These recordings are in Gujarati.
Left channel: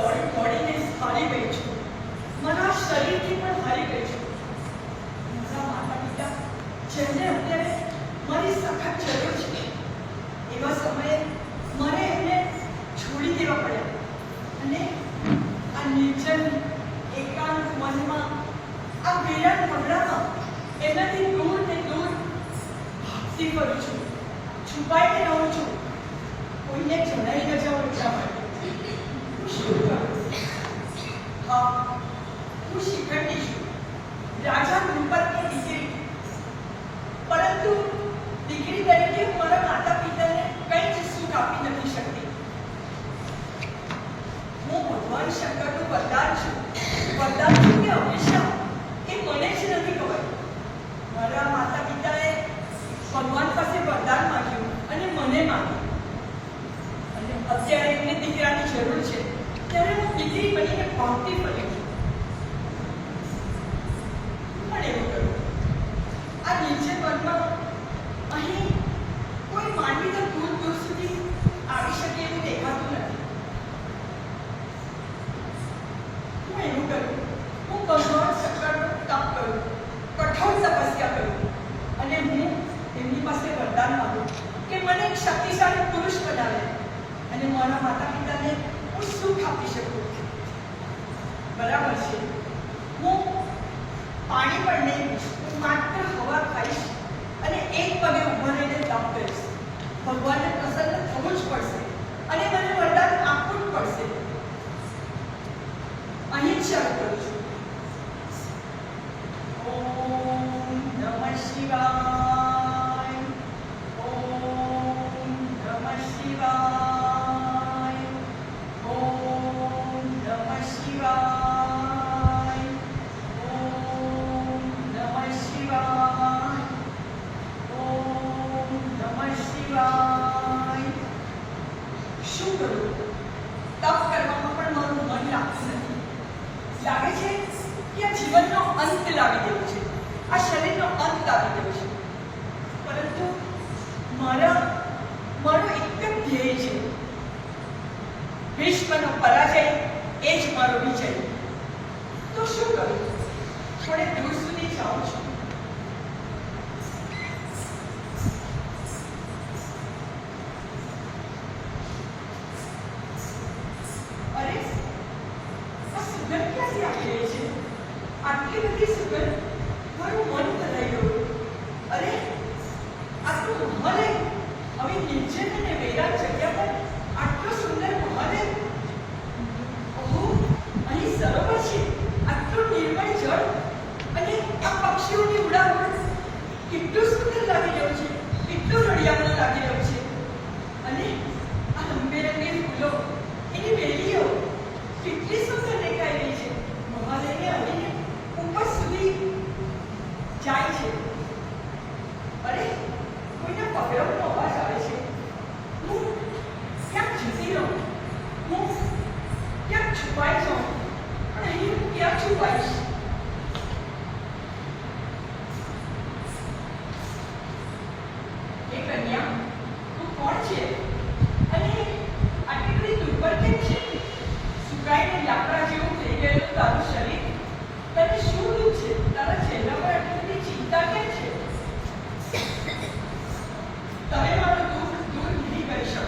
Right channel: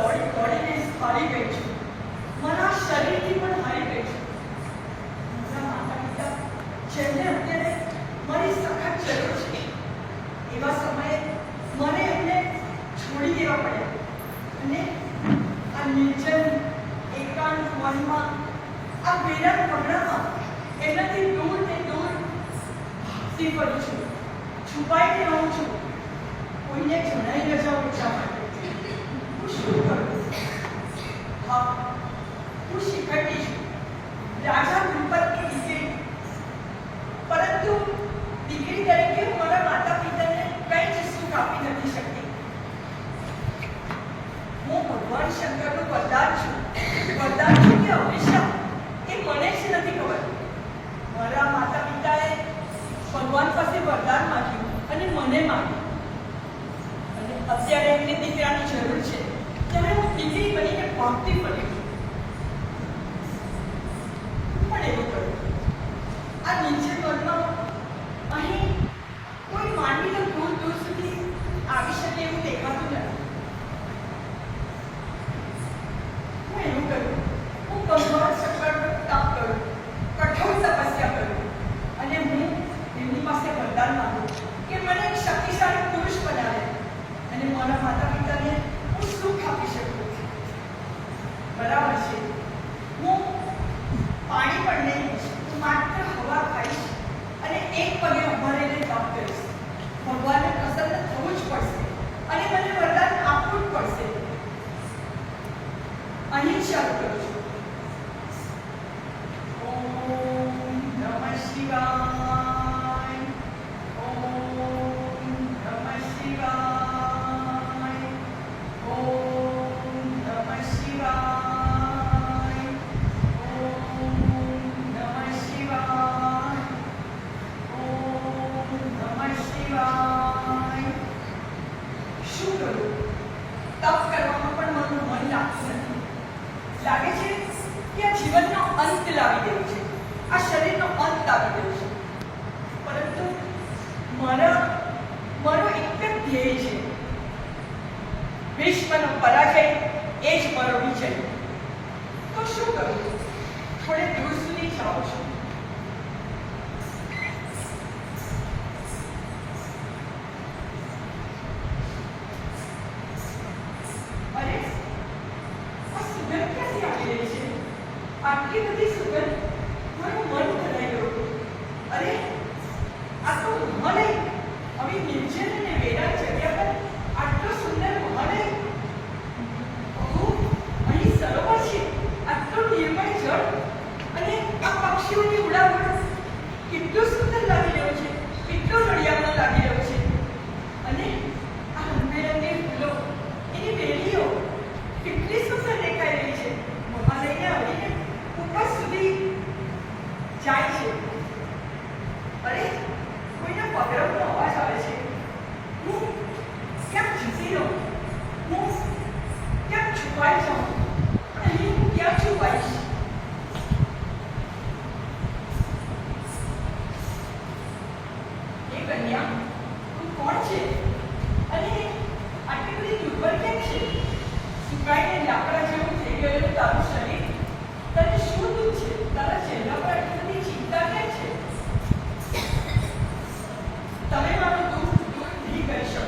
દોડી દોડીને હારી ગઈ છું. મારા શરીરથી પણ હારી ગઈ છું. મારા માતા પિતા જેમને અત્યારે મારી સખત જરૂર છે, એવા સમયે મને એમને છોડી દેવા પડ્યા અને આ નિર્જન એકાંત વનમાં, આ વેરાન મગડામાં એનાથી દૂર ને દૂર ભાગતી ફરું છું, છુપાઈને રહું છું. કોઈને જણાઈ ન જાઉં એટલા માટે. હું શું કરું? હા, હું શીખંડી છું, રાજા દ્રુપદની દીકરી. પરંતુ દીકરી તરીકે હું મારા માતા પિતાને કંઈ જ સુખ આપી નથી શકતી. હું ભગવાન શંકરનું વરદાન છું. વરદાન છું કે હંમેશા એ મને જ નથી ખબર. મારા માતા પિતાએ ભગવાન પાસે વરદાન માંગ્યું અને મને માંગ્યું. અને અત્યારે એમને દીકરાની જરૂર છે, ત્યારે હું દીકરી બનીને ભાગતી ફરી છું. પણ એવું કરું, આ નિર્જન વનમાં અહીં કોઈ માનવી તો દૂર દૂર સુધી આવી શકે એવું દેખાતું નથી. હું એવું કરું, હું ભગવાન શંકરનો તપ કરું, કઠોર તપસ્યા કરું અને હું એમની પાસે વરદાન માંગુ કે મને એક શક્તિશાળી પુરુષ બનાવે અને મારા માતા પિતાને હું સુખ આપી શકું. બરાબર છે, હું પાણી પણ નહીં પીશ, હું માત્ર હવા ખાઈશ અને એક પગે ઊભા રહીને તપ કરીશ. ભગવાનને પ્રસન્ન થવું જ પડશે અને મને વરદાન આપવું જ પડશે. અહીં જ શરૂ કરું છું. ઓમ નમઃ શિવાય, ઓમ નમઃ શિવાય, ઓમ નમઃ શિવાય, ઓમ નમઃ શિવાય, ઓમ નમઃ શિવાય. શું કરું? તપ કરવામાં પણ મારું મન લાગતું નથી. લાગે છે કે આ જીવનનો અંત લાવી દેવો છે, આ શરીરનો અંત લાવી દેવો છે. પરંતુ મારો એક જ ધ્યેય છે, ભીષ્મનો પરાજય. એ જ મારો વિજય. તો શું કરું? થોડે દૂર સુધી જાઉં છું. અરે, આ સુગંધ ક્યાંથી આવી રહી છે? આટલી બધી સુગંધ, મારું મન ભરાઈ ગયું. અરે, આ તો મહલ, આવી નિર્જન અને વેરાન જગ્યા પર આટલો સુંદર મહલ. ઓહો, અહીં સરોવર છે, આટલું નિર્મળ જળ અને આ પક્ષીઓની ઉડાન કેટલું સુંદર લાગી રહ્યું છે, કેટલું રળિયામણું લાગી રહ્યું છે. અને આ રંગબેરંગી ફૂલો, એની વેલીઓ કેટલી સુંદર દેખાઈ રહી છે. મહાલયને હરીને ઉપર સુધી જાય છે. અરે, કોઈના પગરવનો અવાજ આવે છે. હું ક્યાંક જતી રહું, હું ક્યાંક છુપાઈ જાઉં, પણ અહીં હું ક્યાં છુપાઈશ? એ કન્યા, તું કોણ છે અને આટલી બધી દુર્બળ કેમ છે? સુકાઈને લાકડા જેવું થઈ ગયેલું તારું શરીર, તને શું દુઃખ છે? તારા ચહેરા પર આટલી બધી ચિંતા કેમ છે? તમે મારું દુઃખ દૂર નહીં કરી શકો.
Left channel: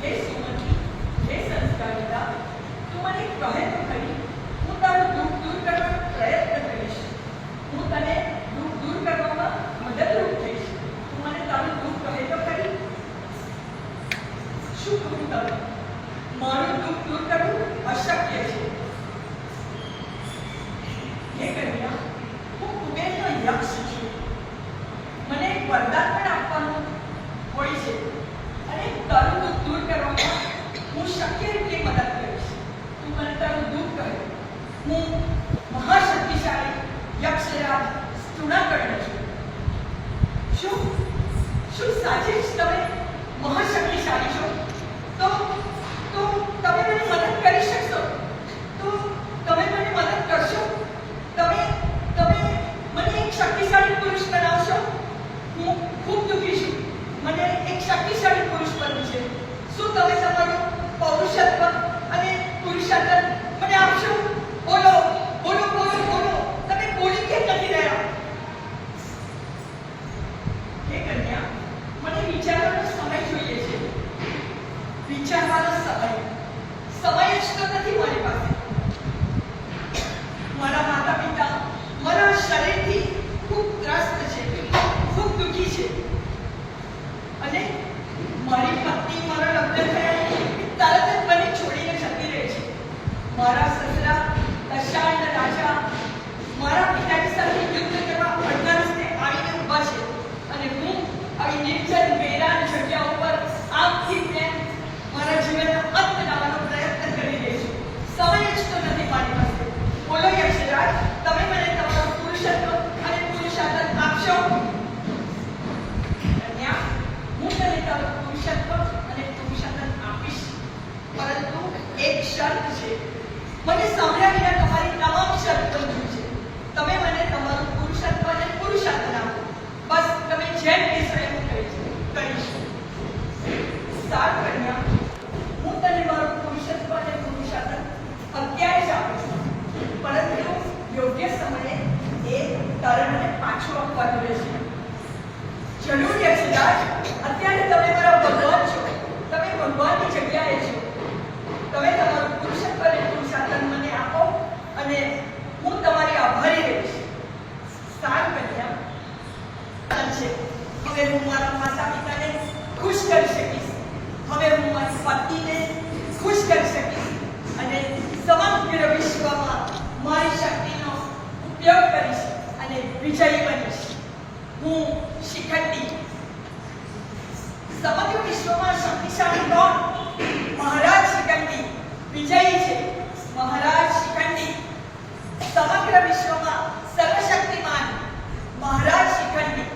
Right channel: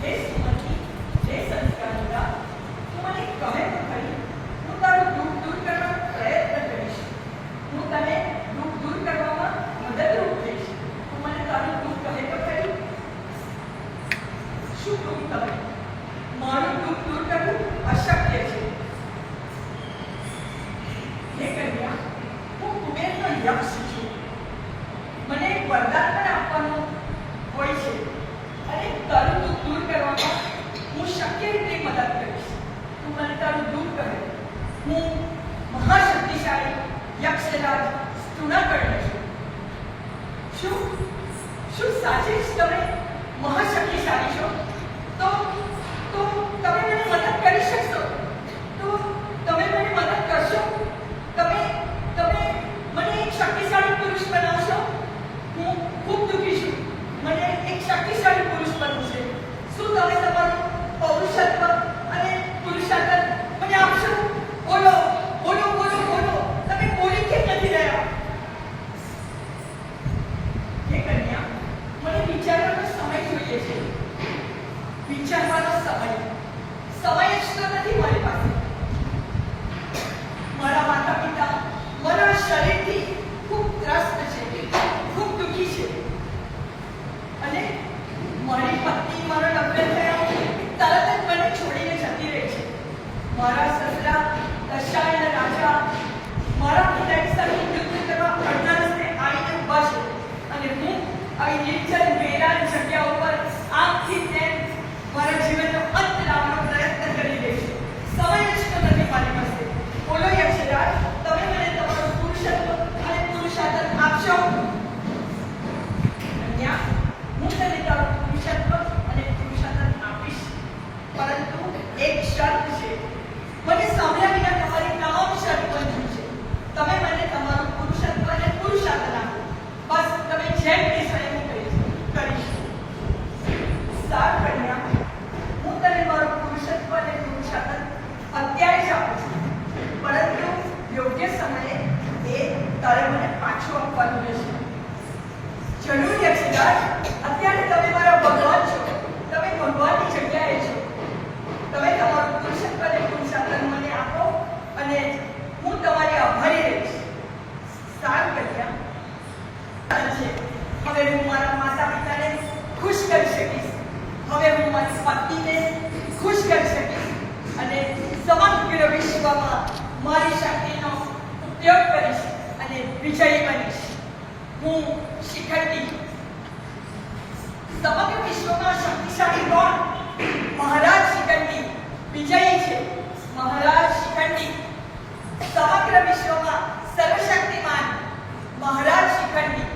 હે સુમતી, હે સંસ્કારિતા, તું મને કહે તો ખરી, હું તારું દુઃખ દૂર કરવાનો પ્રયત્ન કરીશ. હું તને દુઃખ દૂર કરવામાં મદદરૂપ થઈશ. તું મને તારું દુઃખ કહે તો ખરી. શું કહું તમે? મારું દુઃખ દૂર કરવું અશક્ય છે. હે કન્યા, હું કુબેરનો યક્ષ છું. મને એક વરદાન પણ આપવાનું હોય છે અને તારું દુઃખ દૂર કરવામાં વિચારવાનો સમય જ તો નથી મારી પાસે. મારા માતા પિતા મારા શરીરથી ખૂબ ત્રસ્ત છે, ખૂબ દુઃખી છે, અને મારી પત્ની મારો લગ્ન થયા તરત જ મને છોડીને જતી રહે છે. મારા સસરા દશાયણ રાજા મારા પિતાની સાથે યુદ્ધ કરવા અડધા રસ્તે આવીને ઊભા છે, અને હું આવી નિર્જન વેરાન જગ્યા ઉપર આમથી તેમ મારા જીવનનો અંત લાવવાનો પ્રયત્ન કરી રહી છું. સમય જ તો નથી મારી પાસે. બોલો યક્ષરાજ, તમે મને તમારું પુરુષત્વ અને પુરુષાર્થ આપશો? કન્યા, હું તને તારું પુરુષત્વ અને પુરુષાર્થ આપીશ, પરંતુ એક શરત છે. મને સાંભળ્યા વિના તમારી તમામ શરત મંજૂર છે. તમે મને તમારું પુરુષત્વ અને પુરુષાર્થ આપો. બસ તમે જેમ કહેશો એવું કરીશું. સાર કન્યા, હું તને મારું પુરુષત્વ અને પુરુષાર્થ અત્યારે જ આપું છું, પરંતુ યોગ્ય સમયે એ તારે મને પાછું આપવાનું રહેશે. જરૂર યક્ષરાજ, અત્યારે તમે મારા ભગવાન છો. તમે ભગવાનની જગ્યાએ છો. તમે તમારું પુરુષત્વ અને પુરુષાર્થ મને આપો અને હું તમારી આભારી રહીશ. સારું કન્યા છે. હવે હું મારા માતા પિતાને ખુશ કરી શકીશ. હવે હું મારી પત્નીને ખુશ કરી શકીશ અને સમગ્ર વિશ્વમાં મારી શક્તિનો ઉપયોગ કરીશ અને વિજયી બનીશ. હું શિખંડી. સમગ્ર વિશ્વમાં શક્તિશાળી કોણ? મહારાજ શિખંડી વિજયી છે. મહારાજ શિખંડી સમગ્ર વિશ્વમાં સર્વશક્તિમાન. મહારાજ શિખંડી.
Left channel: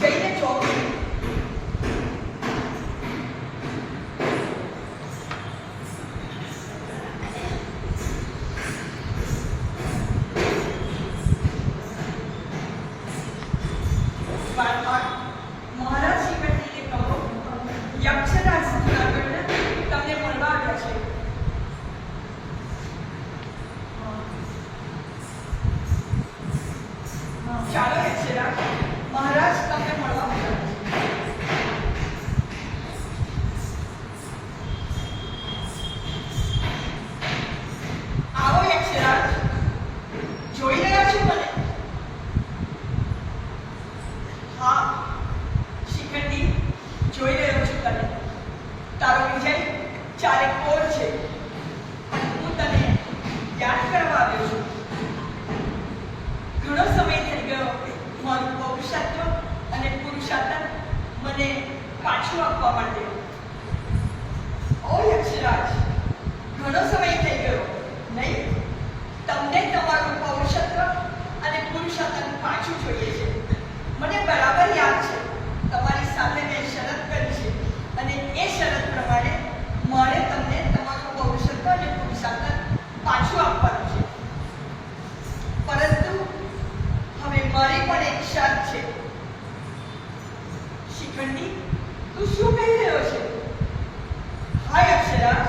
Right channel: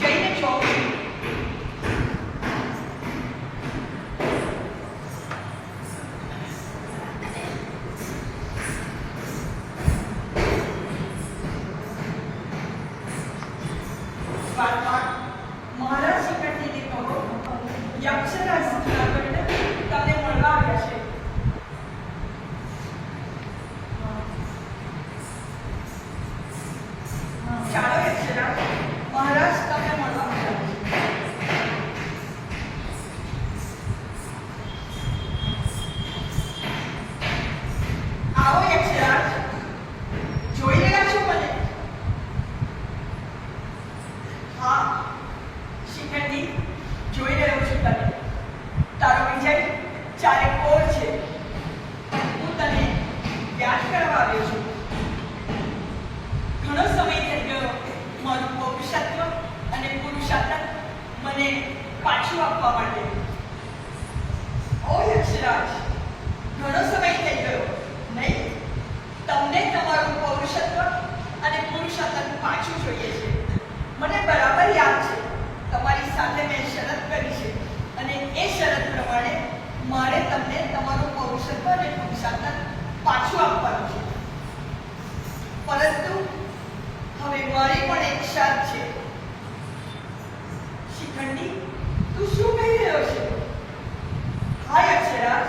જઈને જોઉં છું. મહારાજ શિખંડીને કહો, યક્ષરાજ જૂનાગઢને તમને મળવા આવ્યા છે. ચાલો યક્ષરાજ, મહારાજ તમને મળવા આવ્યા છે. આવો યક્ષરાજ, જોઈ રહ્યા છો મને? હા શિખંડી, જોઈ રહ્યો છું તને. તારો વિજય ચારે કોર છે, પણ હું તને યાદ કરવા આવ્યો છું. ઘણો સમય થઈ ગયો મારું પૌરુષત્વ અને પુરુષાર્થ મને પાછું આપવા માટે. ઓ યક્ષરાજ, ઘણો સમય થઈ ગયો નહીં? તમને તમારું પૌરુષત્વ અને પુરુષાર્થ પાછું જોઈએ છે. મને બરાબર યાદ છે, તમારી સાથે મેં શરત કરી છે, અને એ શરત પ્રમાણે મારે તમને તમારું પૌરુષત્વ અને પુરુષાર્થ પાછું આપવાનું છે. પરંતુ હવે મારી પણ એક શરત છે. શિખંડી, તું શું કહી રહ્યો છે? હા યક્ષરાજ,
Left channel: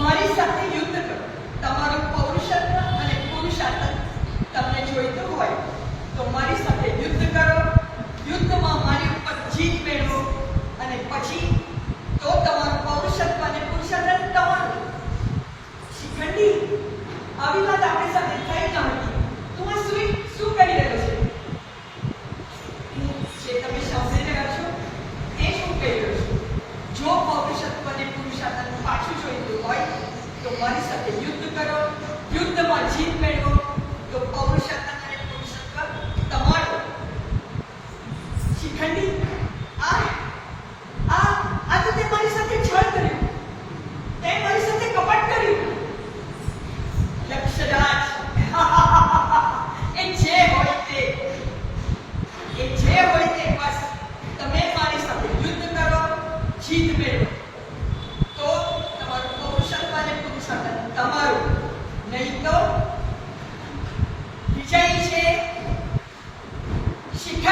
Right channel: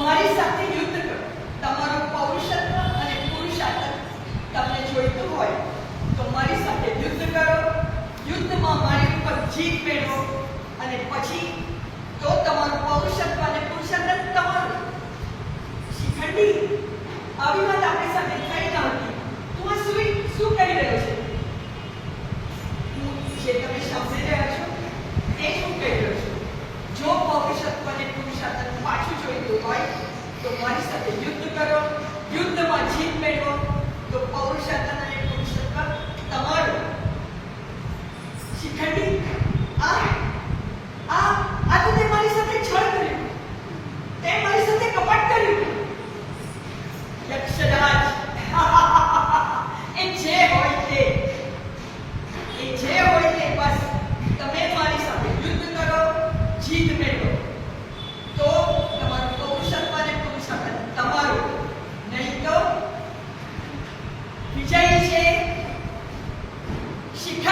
મારી સાથે યુદ્ધ કરો. તમારું પૌરુષત્વ અને પુરુષાર્થ તમને જોઈતું હોય તો મારી સાથે યુદ્ધ કરો. યુદ્ધમાં મારી ઉપર જીત મેળવો, અને પછી તો તમારું પૌરુષત્વ અને પુરુષાર્થ તમારું. શિખંડી, આવી વાત આપણી સાથે થઈ ન હતી. તું આ શું કરી રહ્યો છે? જે તમે સમજી રહ્યા છો તે શું કહી રહ્યો છું? જો પૌરુષત્વ અને પુરુષાર્થ પાછું જોઈતું હોય તો મારી સાથે યુદ્ધ કરો. યુદ્ધમાં જીત મેળવો તો પૌરુષત્વ અને પુરુષત્વ તમારું. શિખંડી, આ તો તે મારી સાથે છળ કર્યું, તે મારી સાથે કપટ કર્યું. યક્ષરાજ, એ જે હોય તે બસ તમે મારી સાથે યુદ્ધ કરો, જીત મેળવો, તો તમારું પૌરુષત્વ અને પુરુષાર્થ શિખા